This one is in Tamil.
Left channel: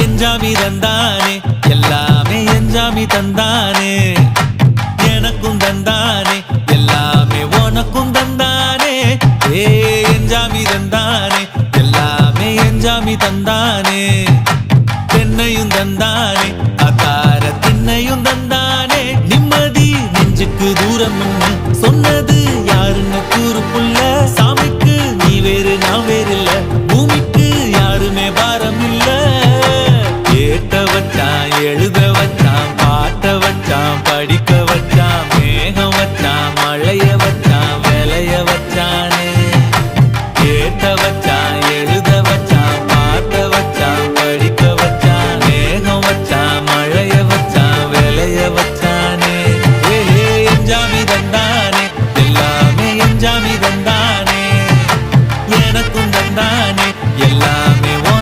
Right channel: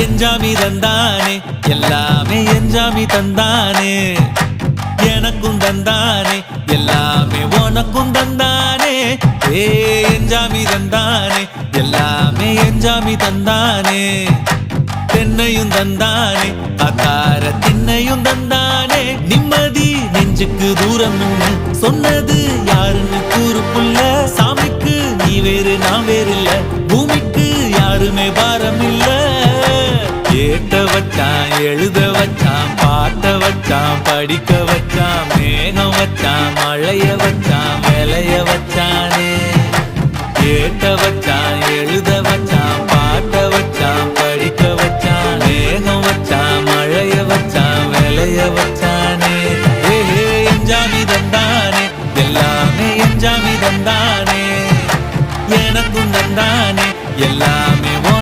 எஞ்சாமி தந்தானே எல்லாமே எஞ்சாமி தந்தானே எனக்கும் தந்தானே எல்லாமே உனக்கும் தந்தானே ஏ எஞ்சாமி தந்தானே எல்லாமே எஞ்சாமி தந்தானே தென்னையும் தந்தானே அத்தார திண்ணையும் தந்தானே நிம்மதி நெஞ்சுக்கு தூரம்னு சொன்னது யாருன்னு கூறு புள்ள சாமிக்கு நீ வேறு நான் வேறு இல்ல பூமிக்கு யாருமே பாரம் இல்ல ஏத்த வச்சான் எழுத வச்சான் பாட்ட வச்சான் படிக்க வச்சான் மேகம் வச்சான் மழைய வச்சான் விளைய வச்சானே ஏத்த வச்சான் எழுத வச்சான் பாட்ட வச்சான் படிக்க வச்சான் மேகம் வச்சான் மழைய வச்சான் விளைய வச்சானே ஏஹே எஞ்சாமி தந்தானே எல்லாமே எஞ்சாமி தந்தானே எனக்கும் தந்தானே எல்லாமே